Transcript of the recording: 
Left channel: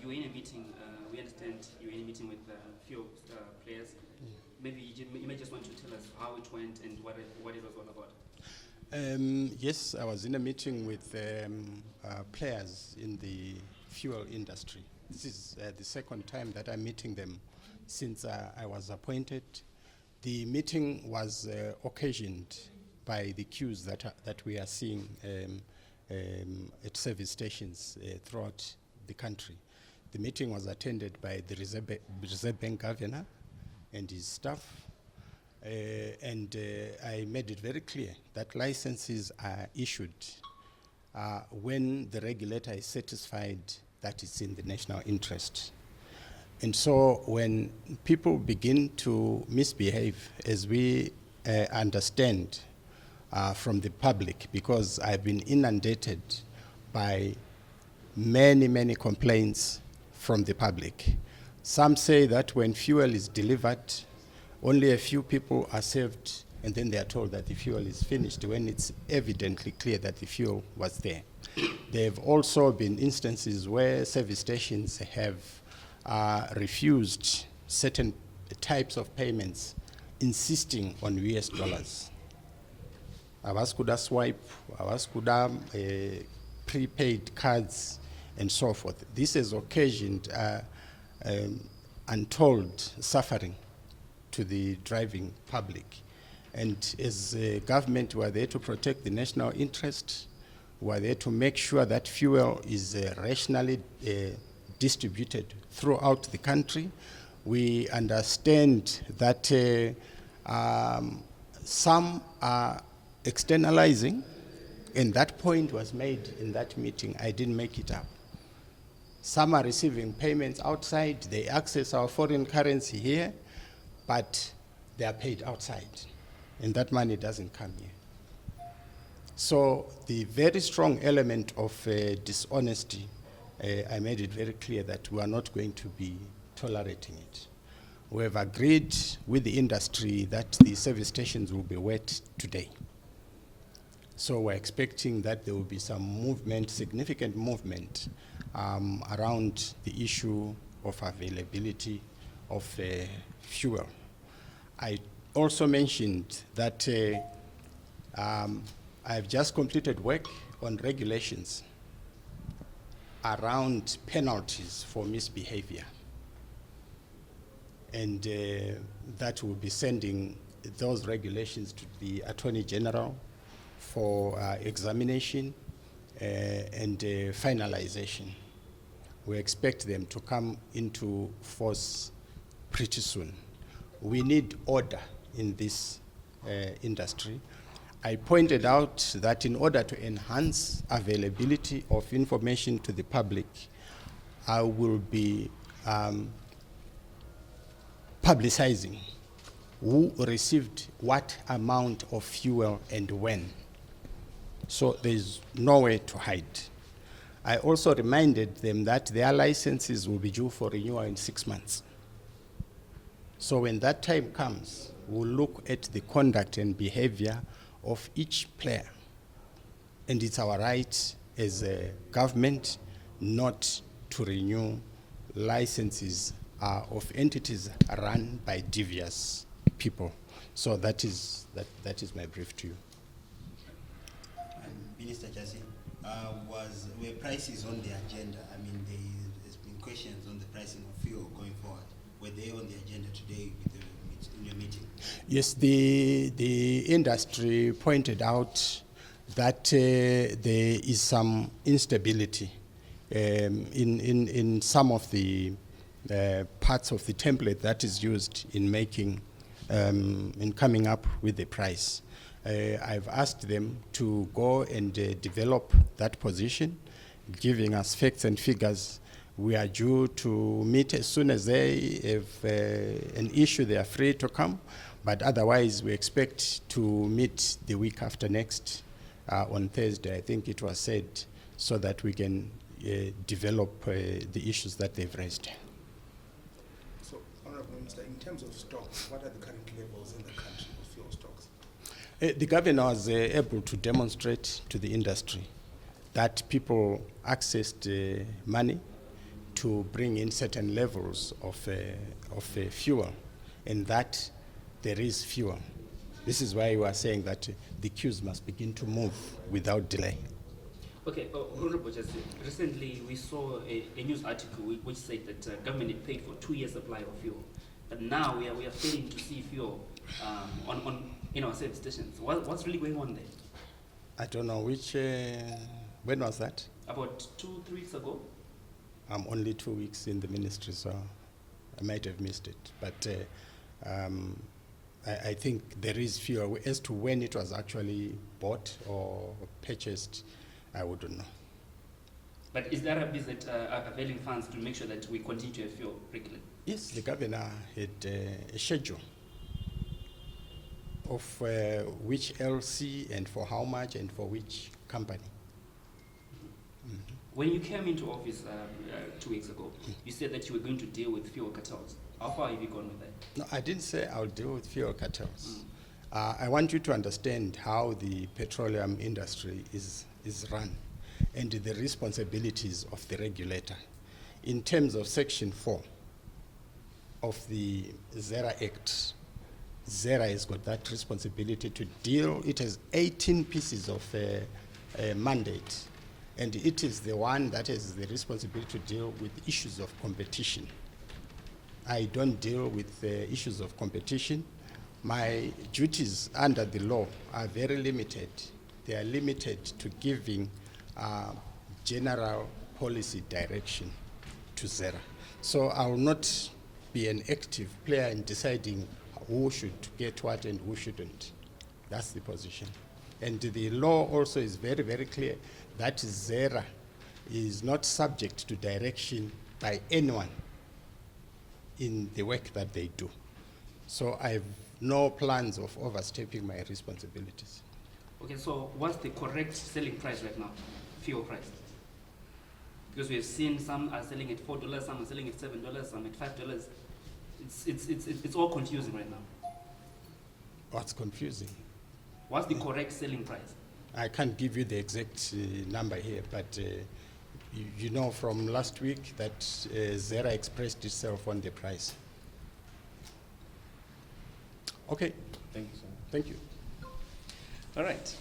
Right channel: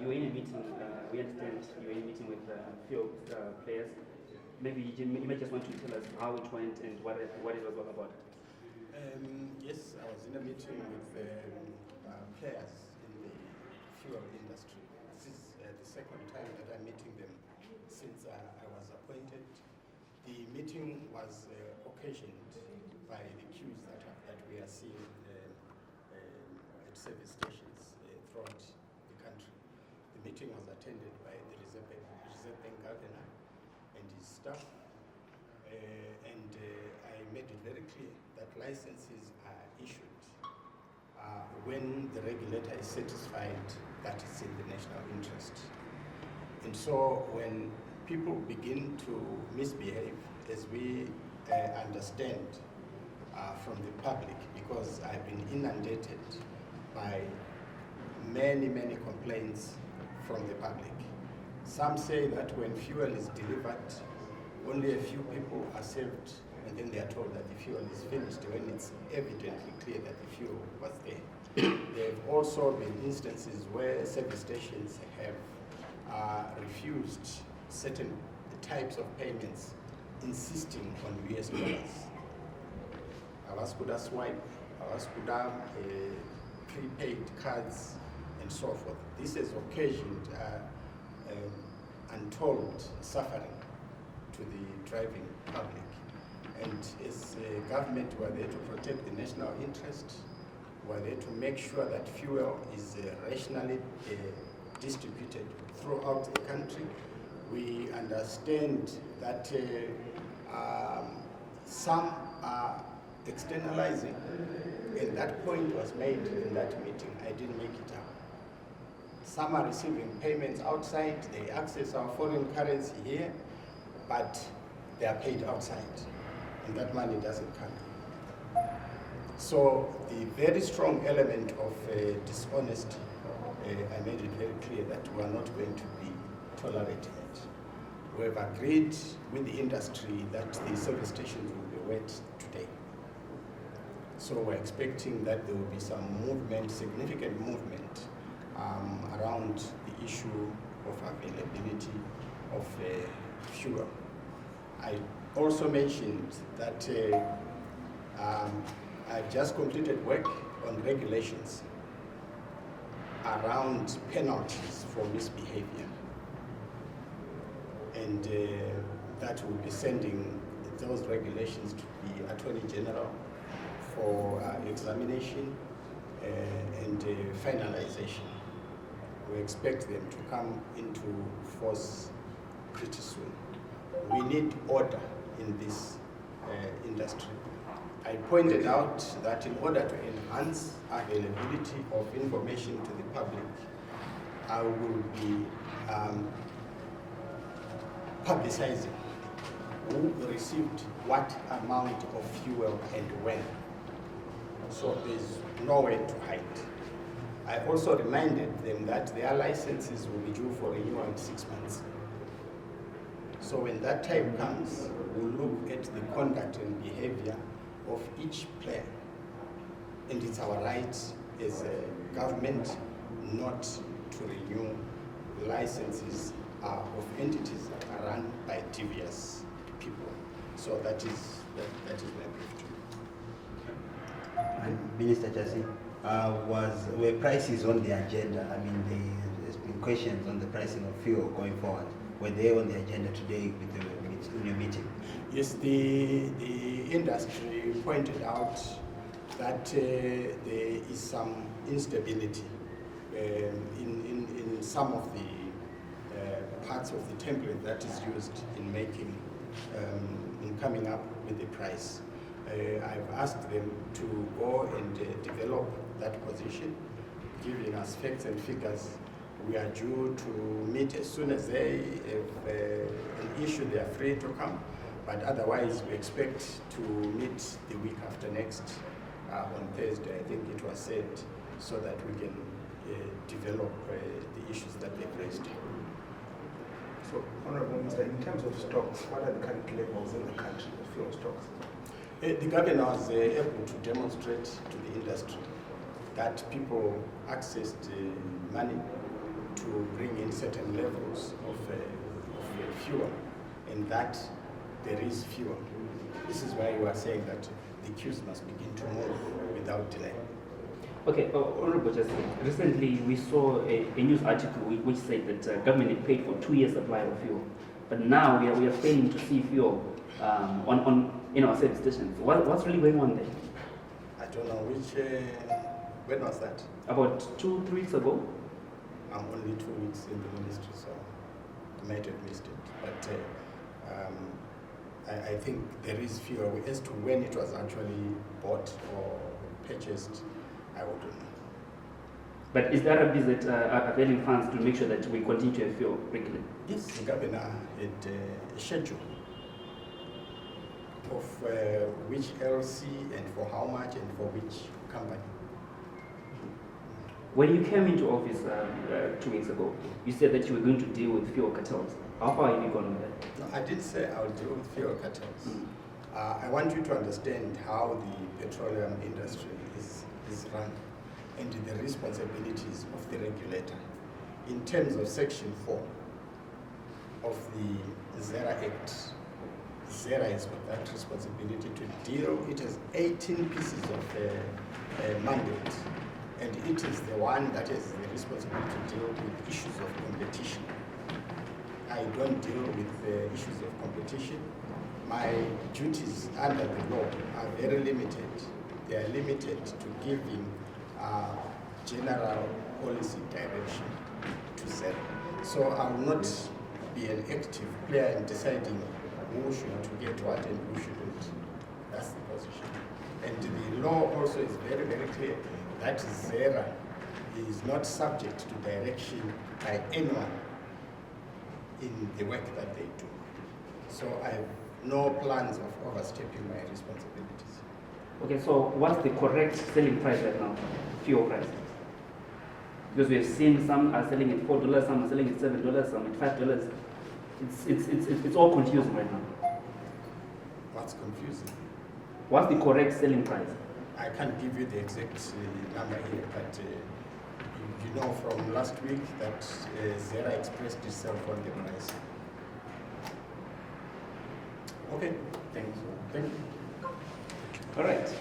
you were in a meeting, we understand you were in a meeting with fuel players. Maybe you may just want to tell us how it went and what it was all about. Yes, I was in a meeting with players in the fuel industry. This is the second time that I'm meeting them since I was appointed. The meeting was occasioned by the queues that we are seeing at service stations throughout the country. The meeting was attended by the Reserve Bank Governor and his staff, and I made it very clear that licenses are issued when the regulator is satisfied that it's in the national interest. And so when people begin to misbehave, as we understand from the public, because I've been inundated by many complaints from the public. Some say that when fuel is delivered, only a few people are saved, and then they are told that the fuel is finished when it's evidently clear that the fuel was there. There have also been instances where service stations have refused certain types of payments, insisting on US dollars. Avaskuda swipe, avaskuda prepaid cards, and so forth. This has occasioned untold suffering to the driving public. And as a government, we are there to protect the national interest. We are there to make sure that fuel is rationally distributed throughout the country. We understand that some are externalizing, and that point was made in that meeting. I didn't make it up. Some are receiving payments outside. They access our foreign currency here, but they are paid outside, and that money doesn't come here. So the very strong element of dishonesty, I made it very clear that we are not going to be tolerating it. We have agreed with the industry that the service stations will be wet today. So we're expecting that there will be some movement, significant movement around the issue of availability of fuel. I also mentioned that I've just completed work on regulations around penalties for misbehavior. And that will be sending those regulations to the Attorney General for examination and finalization. We expect them to come into force pretty soon. We need order in this industry. I pointed out that in order to enhance availability of information to the public, I will be publicizing who received what amount of fuel and when. So there's no way to hide. I also reminded them that their licenses will be due for renewal in 6 months. So when that time comes, we'll look at the conduct and behavior of each player. And it's our right as a government not to renew licenses of entities run by devious people. So that is my brief to you. Minister Jasi, were prices on the agenda? I mean, there's been questions on the pricing of fuel going forward. Were they on the agenda today with your meeting? Yes, the industry pointed out that there is some instability in some of the parts of the template that is used in making in coming up with the price. I've asked them to go and develop that position, giving us facts and figures. We are due to meet as soon as they have an issue. They are free to come, but otherwise we expect to meet the week after next on Thursday, I think it was said, so that we can develop the issues that they've raised. So, Honorable Minister, in terms of stocks, what are the current levels in the country of fuel stocks? The governor was able to demonstrate to the industry that people accessed money to bring in certain levels of fuel, and that there is fuel. This is why you are saying that the queues must begin to move without delay. Okay, Honorable Justice, recently we saw a news article which said that government had paid for 2 years' supply of fuel, but now we are failing to see fuel on in our service stations. What's really going on there? I don't know which. When was that? About 2-3 weeks ago. I'm only 2 weeks in the ministry, so I might have missed it. But I think there is fuel. As to when it was actually bought or purchased, I wouldn't know. But is there a visit availing funds to make sure that we continue to have fuel regularly? Yes, the governor had a schedule of which LC and for how much and for which company. When you came into office 2 weeks ago, you said that you were going to deal with fuel cartels. How far have you gone with that? No, I didn't say I'll deal with fuel cartels. I want you to understand how the petroleum industry is run and the responsibilities of the regulator. In terms of Section 4 of the ZERA Act, ZERA has got that responsibility to deal. It has 18 pieces of mandate, and it is the one that has the responsibility to deal with issues of competition. I don't deal with issues of competition. My duties under the law are very limited. They are limited to giving general policy direction to ZERA. So I will not be an active player in deciding who should get what and who shouldn't. That's the position. And the law also is very, very clear that ZERA is not subject to direction by anyone in the work that they do. So I have no plans of overstepping my responsibilities. Okay, so what's the correct selling price right now? Fuel price? Because we have seen some are selling at $4, some are selling at $7, some at $5. It's all confusing right now. What's confusing? What's the correct selling price? I can't give you the exact number here, but you know from last week that ZERA expressed itself on the price. Okay. Thanks. Thank you. All right.